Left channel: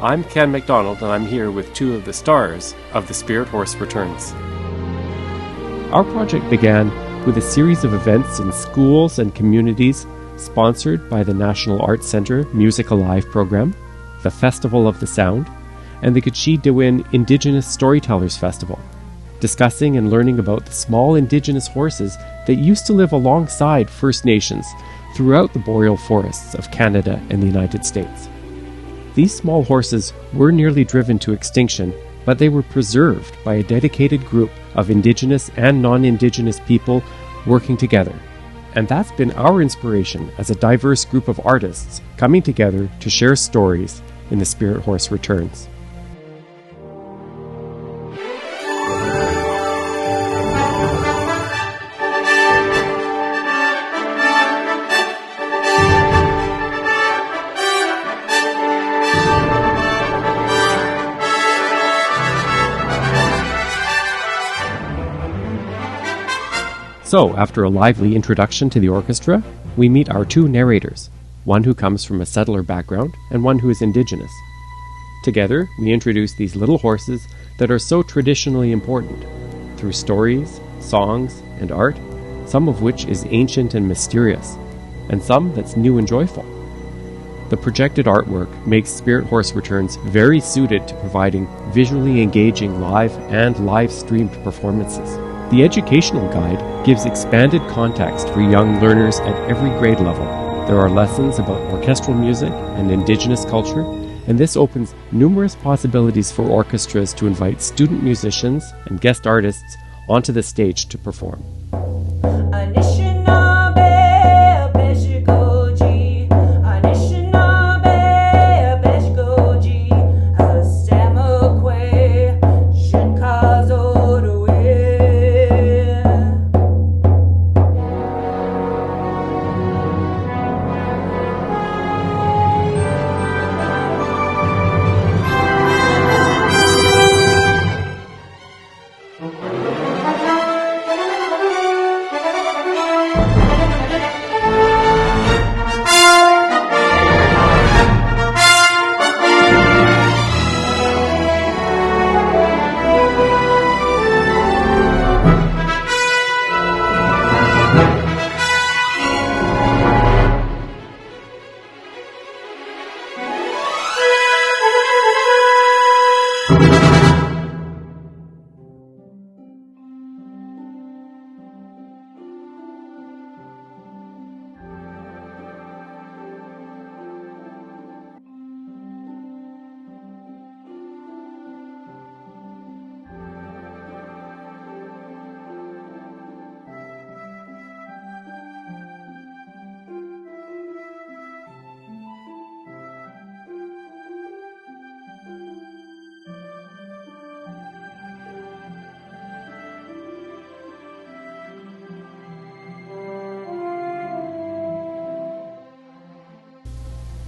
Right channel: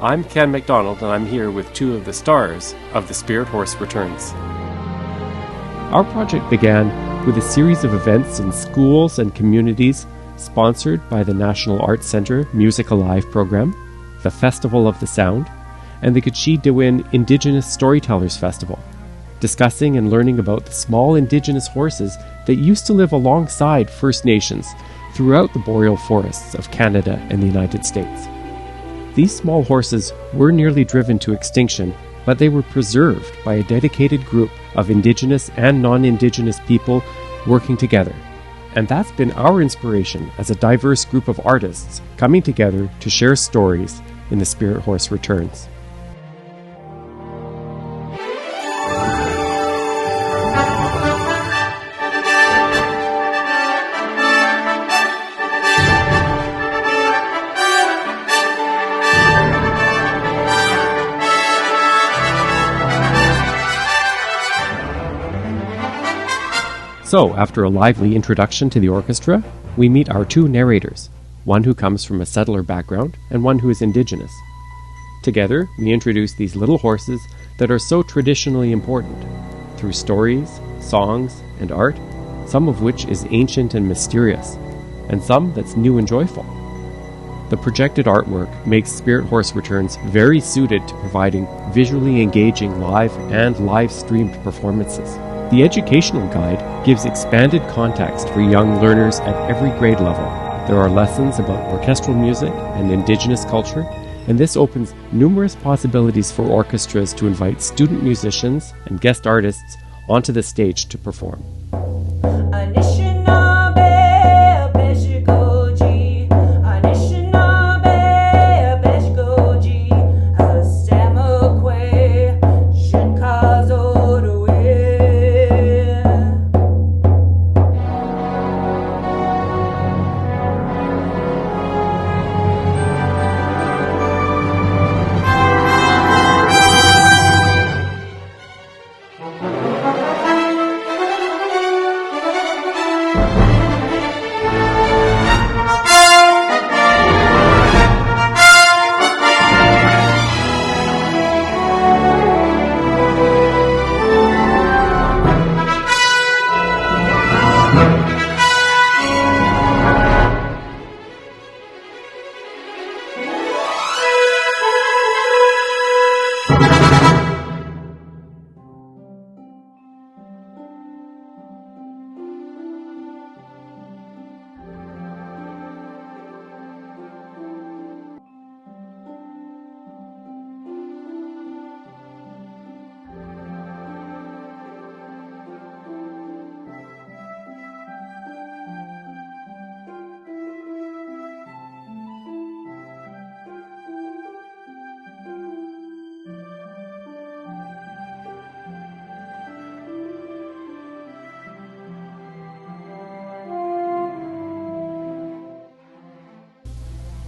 I'm Ken MacDonald, and I'm here with two of the stars of The Spirit Horse Returns. Our project began with a series of events in schools and communities sponsored by the National Arts Centre Music Alive program, the Festival of the Sound, and the Gitchee-de-Win Indigenous Storytellers Festival, discussing and learning about the small Indigenous horses that used to live alongside First Nations throughout the boreal forests of Canada and the United States. These small horses were nearly driven to extinction, but they were preserved by a dedicated group of Indigenous and non-Indigenous people working together. And that's been our inspiration as a diverse group of artists coming together to share stories in The Spirit Horse Returns. So, after a lively introduction to the orchestra, we meet our two narrators, one who comes from a settler background and one who is Indigenous. Together, we introduce these little horses that are so traditionally important, through stories, songs, and art, some of which is ancient and mysterious, and some that's new and joyful. The projected artwork makes Spirit Horse Returns very suited to providing visually engaging live and live-streamed performances. The educational guide gives expanded context for young learners at every grade level. There are lessons about orchestral music and Indigenous culture, and this opens numerous possibilities for orchestras to invite student musicians and guest artists onto the stage to perform.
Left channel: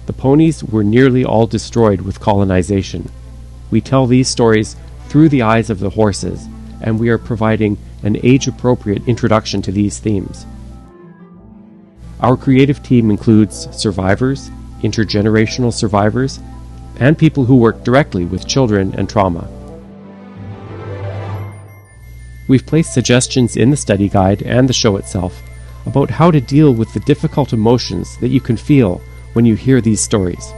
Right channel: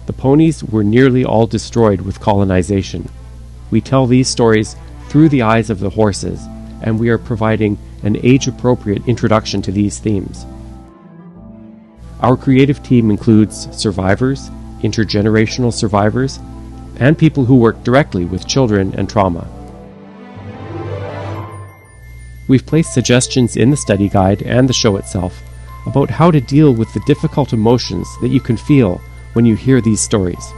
The ponies were nearly all destroyed with colonization. We tell these stories through the eyes of the horses, and we are providing an age-appropriate introduction to these themes. Our creative team includes survivors, intergenerational survivors, and people who work directly with children and trauma. We've placed suggestions in the study guide and the show itself about how to deal with the difficult emotions that you can feel when you hear these stories.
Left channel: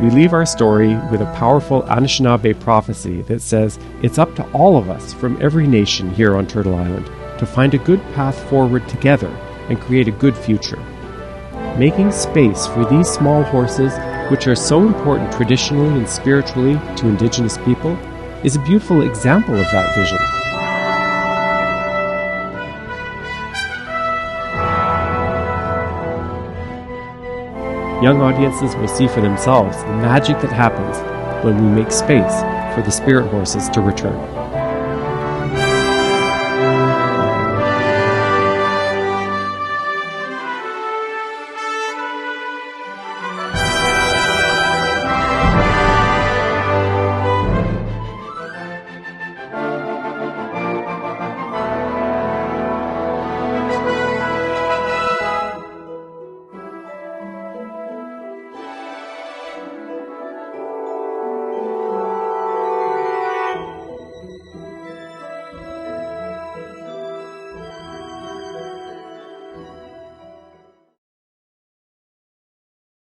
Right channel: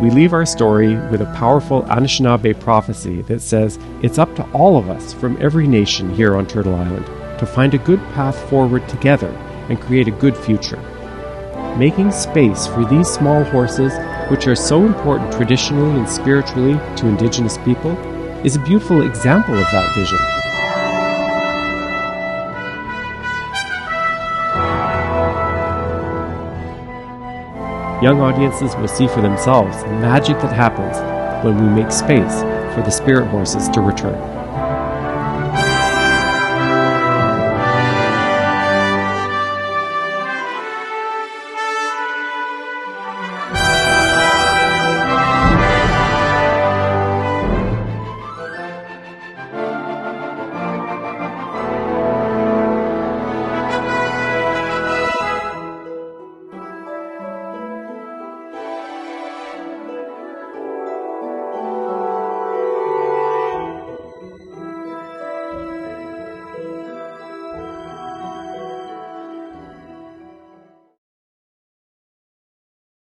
We leave our story with a powerful Anishinaabe prophecy that says it's up to all of us from every nation here on Turtle Island to find a good path forward together and create a good future. Making space for these small horses which are so important traditionally and spiritually to Indigenous people, is a beautiful example of that vision. Young audiences will see for themselves the magic that happens when we make space for the spirit horses to return.